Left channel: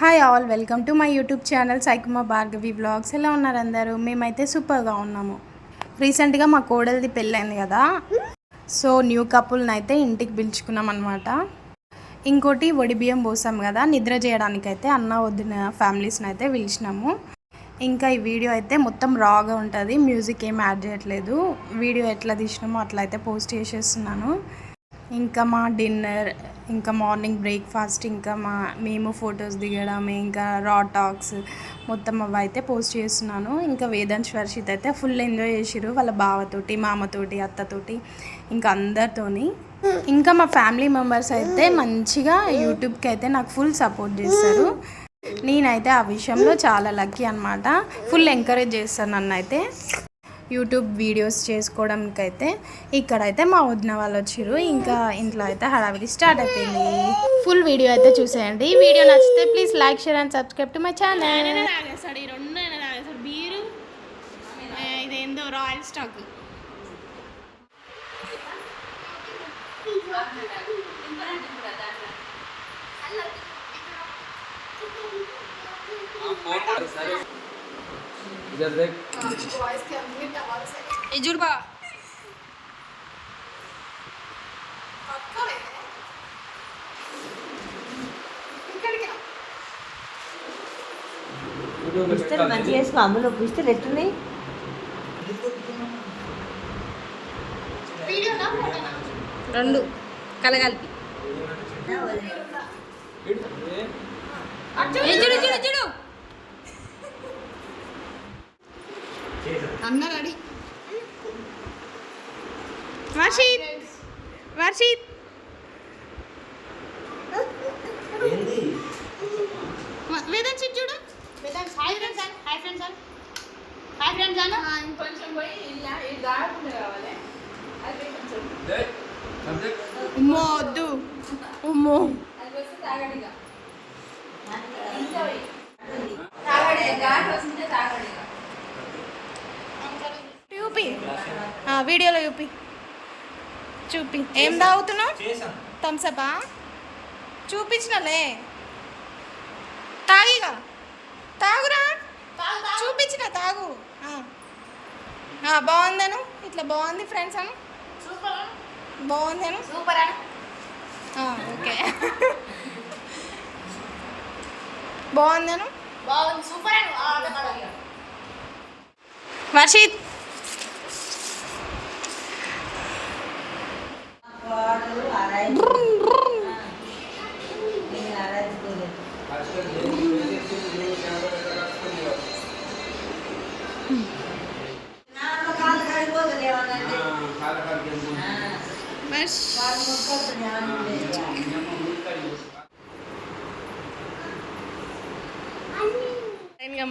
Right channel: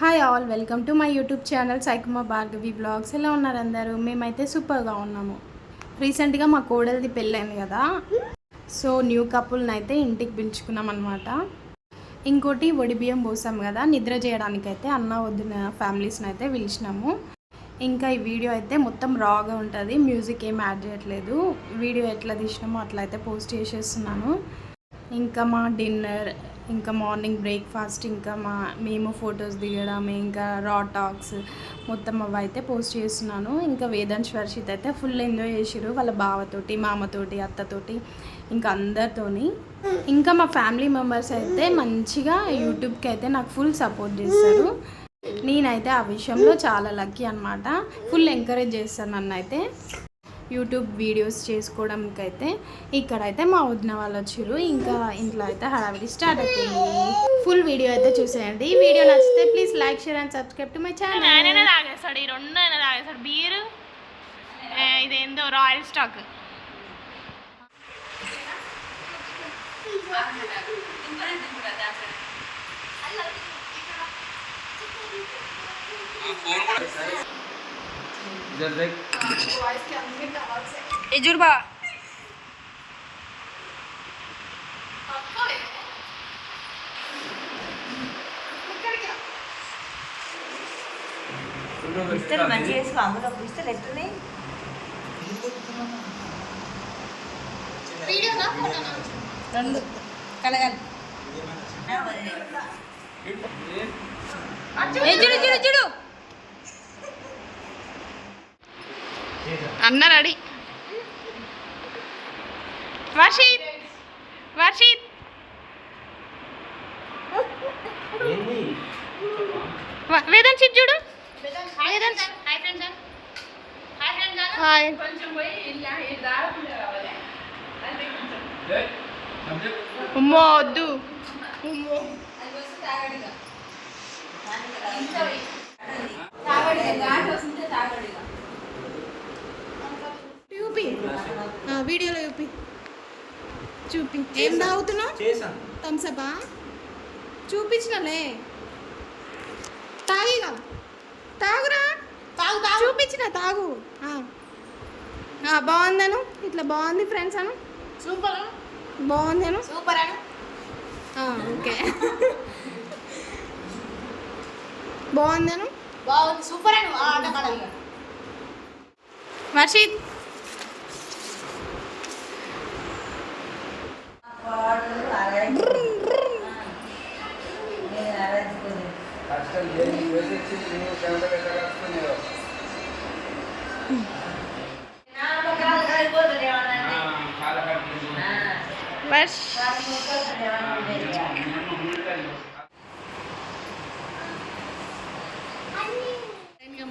Hi all, welcome to my YouTube channel సైకుమా Bhargavi vlogs. ఎలా ఉన్నారు అందరూ? మేమైతే సూపర్గా ఉన్నాము. రీసెంట్గా మా కోడలిది పెళ్ళైంది కదా, సో న్యూ కపుల్ని అయితే ఇంటికి పిలుచుకున్నాం అనమాట. ఇంకోటి బియ్యం పోసాం కదా, నిద్ర చేయడానికైతే అన్న వదిన ఫ్యామిలీస్ని అయితే పిలిచినాము. ఇంకా ఈ వీడియో అయితే మొత్తం రాగా ఉంటుంది, మ్యూజిక్ ఏం యాడ్ చేయట్లేదు. వీడియో ఎట్లా తీసినామో అట్లా అయితే పోస్ట్ చేసేస్తున్నాను. ఇంకా మా డిన్నర్, ఇంకా మార్నింగ్ బ్రేక్ఫాస్ట్, ఇంకా మేము ఫొటోస్ దిగడం, ఇంకా రా టాక్స్ మొత్తం అవి అయితే పోస్ట్ చేస్తున్నాను. ఇంకా వేదాంశ్ వర్షిత్ అయితే ఫుల్ ఎంజాయ్ చేసిరు వాళ్ళ బావతోటి, మామతోటి, అత్తతోటి, ఇంకా అందరితోని. ఇంకా మా ఫ్యామిలీ మెంబర్స్ అయితే మంచిగా యూట్యూబ్కి అయితే నాకు ఫుల్ సపోర్ట్ చేస్తారు. నేనైతే ఆ విషయంలో చాలా లక్కీ అనమాట. ఫుల్ ఎంకరేజ్ చేస్తాను నన్ను అయితే యూట్యూబ్ వీడియోస్ చేసుకోవడానికైతే. ఇక్కడైతే మా వదిన వాళ్ళు వచ్చారు. ఇంకా ఇంట్లో అయితే హడావిడి స్టార్ట్ అయిపోయింది. ఫుల్ వీడియో అయితే చూసేయండి. ఈ వీడియో నచ్చితే please like, share and subscribe to my channel. ఆయననే తాగేస్తాడు, ఈ రెండు ఆయన తాగేస్తాడు. బీరు ఇదేందో రాయల్ స్టాక్. చూడుబా పిస్తలు మంచిగా వేసుకో, అందులో పిస్తలు ఎట్టున్నాయి. రెండు కలగలిపి చూడు చూడు చూడు. అన్న రెడీ. వర్షిత్ వర్షిత్ వేదాంశ్ చూడు. హాయ్. ఉమ్మో వద్దు, ఉమ్మో. చూపి, వీడియోలో చూపి ఏం తాగుతున్నావు? థమ్సపా? చూపించినలే, తాగిగా, తాగురా, చూపించిన తాగు. బాగుందను, ఇట్లా బాగుంది ఫ్రెండ్స్ అను, బాగుంది అను, ఓకే బాగుందను, వర్షిత్.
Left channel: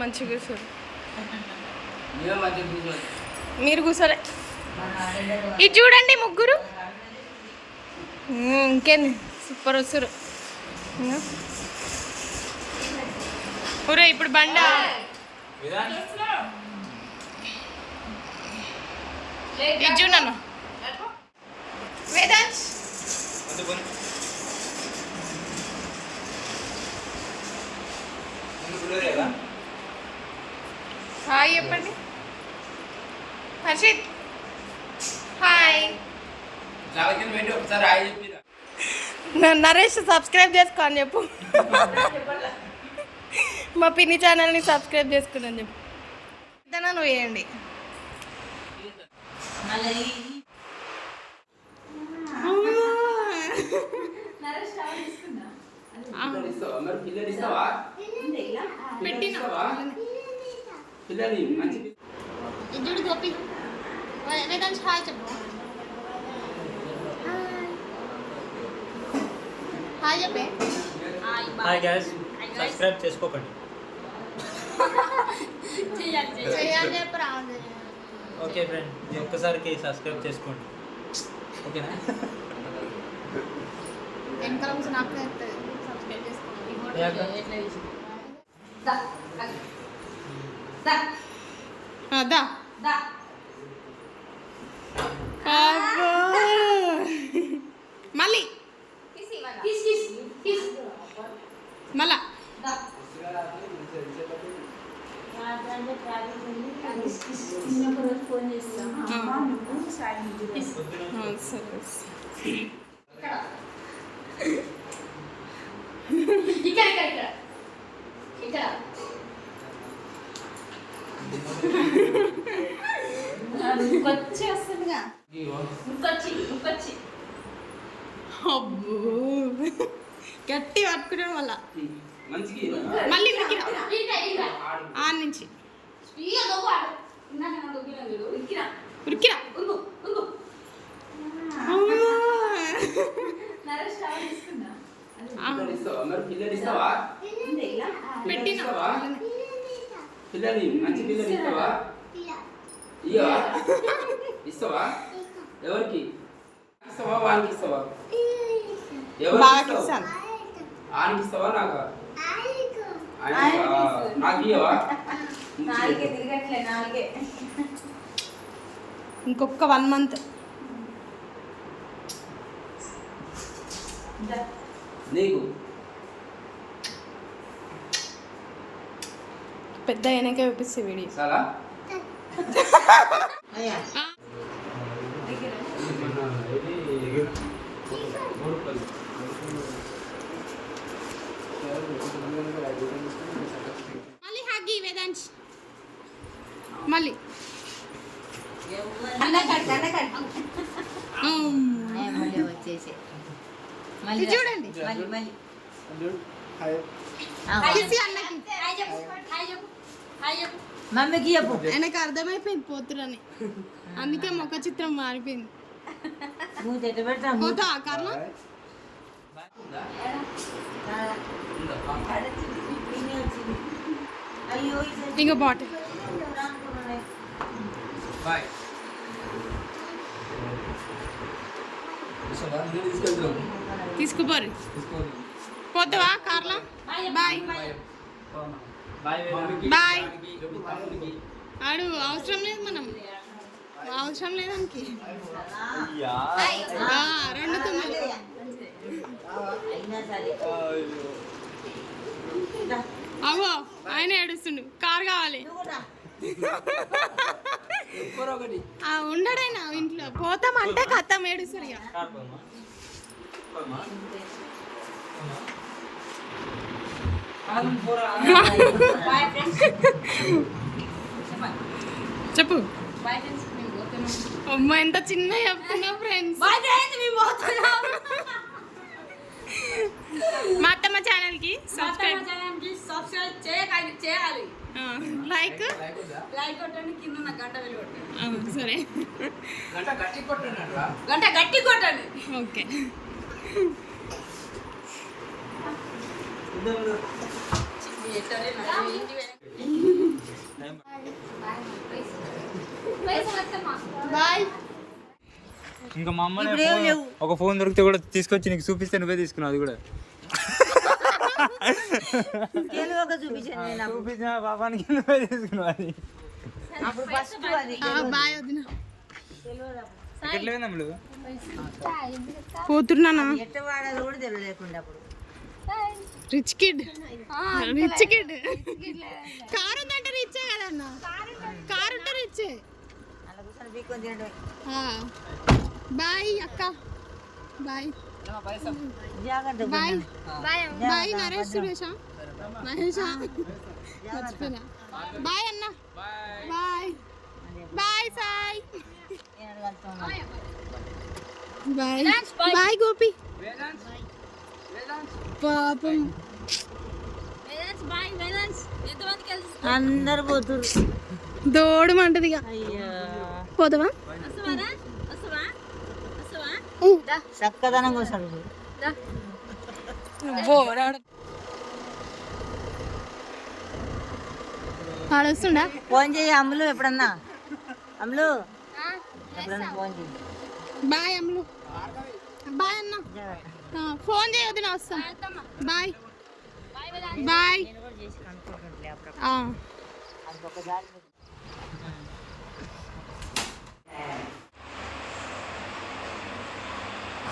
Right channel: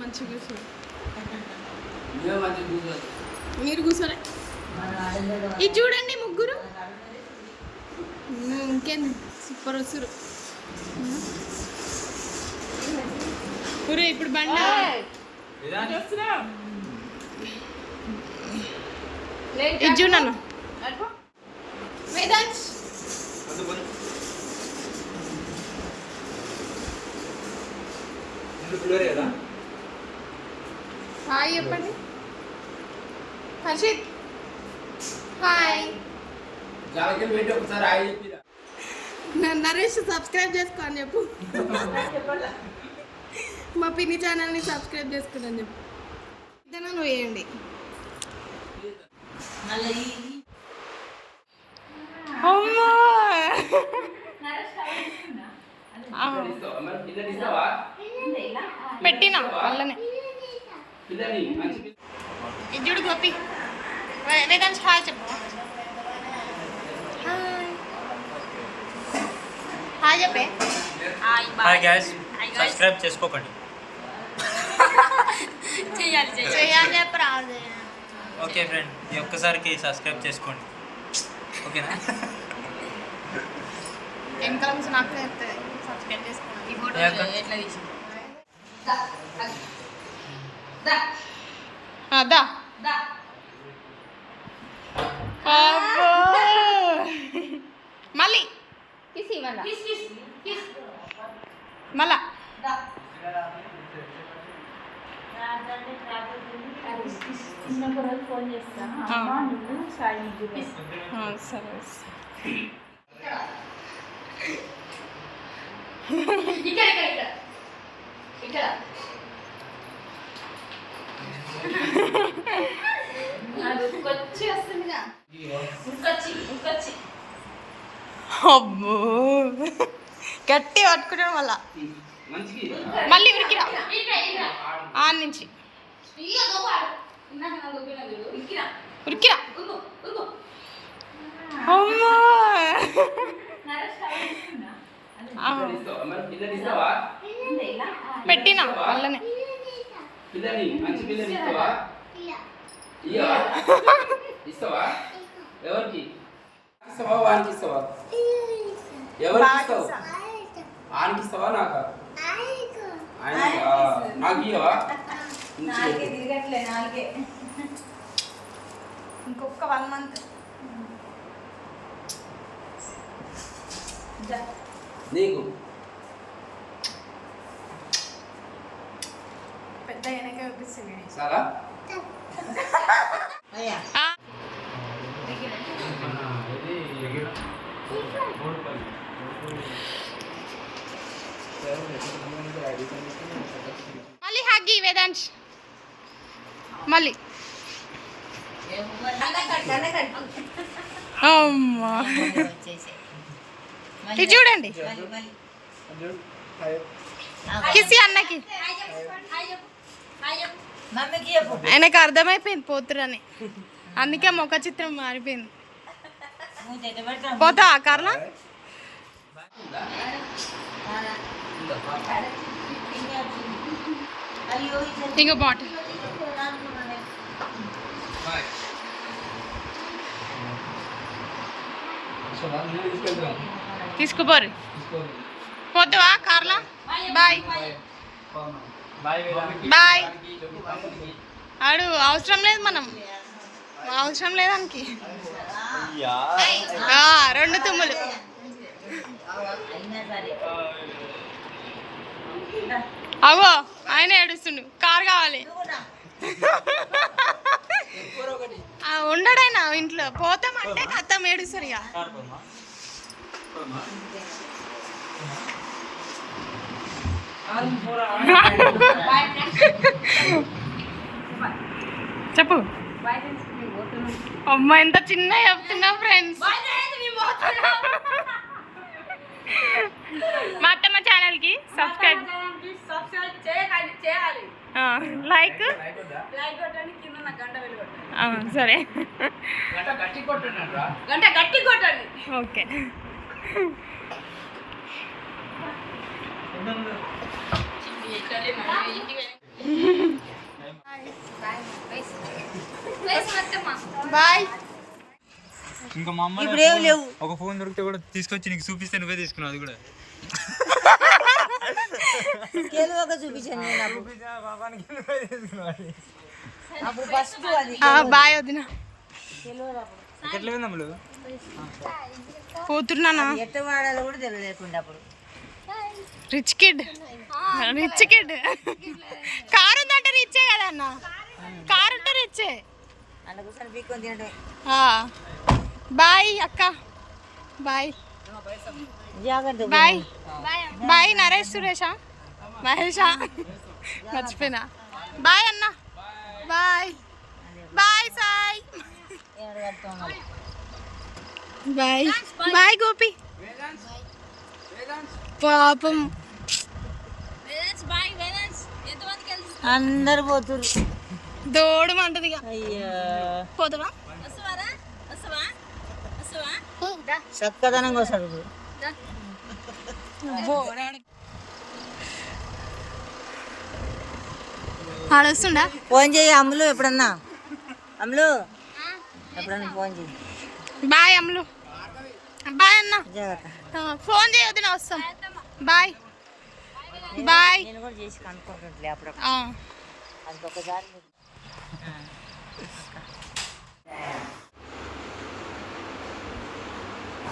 మంచిగా కూర్చోరు, మీరు కూర్చోలే. ఇది చూడండి ముగ్గురు, ఇంకేంది సూపర్ వస్తారు. ఊరే ఇప్పుడు బండ ఇది చూడను. వేదాంశ్ హాయ్ చెప్పండి. హర్షిత్ హాయ్. నరేష్ సబ్స్క్రైబ్ చేసుకో అని చెప్పు. మా పిన్ని ఛానల్ని సబ్స్క్రైబ్ చేసుకుని చెప్పు. ఇదన్నా నువ్వు వేయండి. అమ్మా పెట్టినా వాళ్ళనే. ఇద్దుడు గోపి, వేదాంశ్ హాయ్ చెప్పు. హాయ్ చెప్పే. హాయ్ గైస్, సబ్స్క్రైబ్ చేసుకోకండి. చేయాలి చెప్పరా. ఓకే ఫ్రెండ్, ఈ ఒక్కసారికి సబ్స్క్రైబ్ చేసుకోండి, ఓకేనా? వెనకాల కూర్చొని నాకు సబ్స్క్రైబ్ చేసుకోండి. దా మళ్ళీ మళ్ళా సరే ఇక్కడ అబ్బో గట్టి పట్టుకుంటాడు మళ్ళా మళ్ళీ ఉరికిరా ఆన్ నుంచి ఉరికిరా అమ్మా పెట్టినా అలానే పిల్లని మంచి పిల్లని ఇస్తావా ఇస్తావా ఎవరికి ఇస్తావా వానికి ఇస్తావా ఎవరికి ఇస్తావా ఆయనకి ఇస్తావా నాకా నాకు ఇయ్యవా ఇంకొక 1 month నీకు పెద్ద అయినాక చూపిస్తే వీడియో చాలా మళ్ళీ హగ్గి వేదాంశ్ మళ్ళీ అమ్మా ఇది చూడండి కిసి అన్నకి మమ్మీకి చెప్పు ఆయనకు అర్థమైపోయింది పోతురని అందుకే ముఖ చిత్రం మారిపోయింది మూత ఎట్ట పెడతాం పోతా కారణం అయ్యో ఇంకో బాటిల్ బాయ్ తీసుకుపోరు పోతావా కార్లా బాయ్ బాయ్ ఆడు అవసరం లేదు మనం అవసరం లేదానికి 2 తుమ్ములు అవో ఆయన ఏడుస్తుండు కార్ కావాలి ఉండడైనా ఇంట్లో పోతామంటే కథం ఏడుస్తారు ఇక చెప్పు అమ్మ ఎంత చిన్న చెప్తున్నా ఫ్రెండ్స్ మా అత్తమ్మ ఛానల్కి సబ్స్క్రైబ్ చేయాలి లైక్ సరే గంట గట్టి కొట్టండి ఓకే బాయ్ ఇంకా మా అమ్మ ఇప్పుడు ఏం లేవు. ఒక ఫోన్ దొరికితే కూడా తీసుకొచ్చి నీకు చూపిస్తే నువ్వే తీసుకున్నావు అది కూడా కేలువగా చూపించాను నేను. చూపించిన పాపానికి నువ్వే తీసుకున్నావు అది అప్పుడు ఫస్ట్ అది బాయ్ వదిన ఎట్లా పోయిందమ్ములు పోతున్నానా ఎట్ట వాడాలో కూడా తెలియలేకుండా అప్పుడు రిచ్ కిడ్ కారు ఉందంటే రిచ్చే కదా అన్న కారు ఉంటే రిచ్చే అందుకోసం బీక్కొని తినడమే బాయ్ అక్క బాయ్ జాగ్రత్త బాయ్ బాయ్ నరేష్ సురేషా మహేషా మర్చిపోయినా బాయ్ అన్న bye bye Sai bye bye Gopi పాపం అందరు పోతురు దోడు మంటది ఇక అయ్యా పోదామా చక్కదనం కోసం ఆడొస్తుండా ఫోన్ చేయి అమ్ములు ఎప్పుడన్నా అమ్ములు ఎప్పుడన్నా ఫోన్ చేయి బాయ్ అమ్ములు బాయ్ అన్న జాగ్రత్త ఫోన్ చేయొద్దు నా వస్తాం బాయ్ బాయ్ నేను కూడా చేసి కనుక్కుంటుంటే అప్పుడు అది ఒకసారి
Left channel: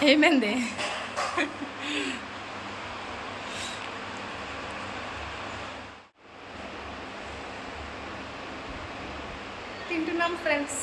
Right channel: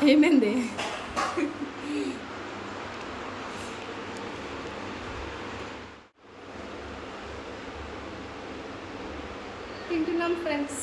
ఏమైంది తింటున్నాం ఫ్రెండ్స్.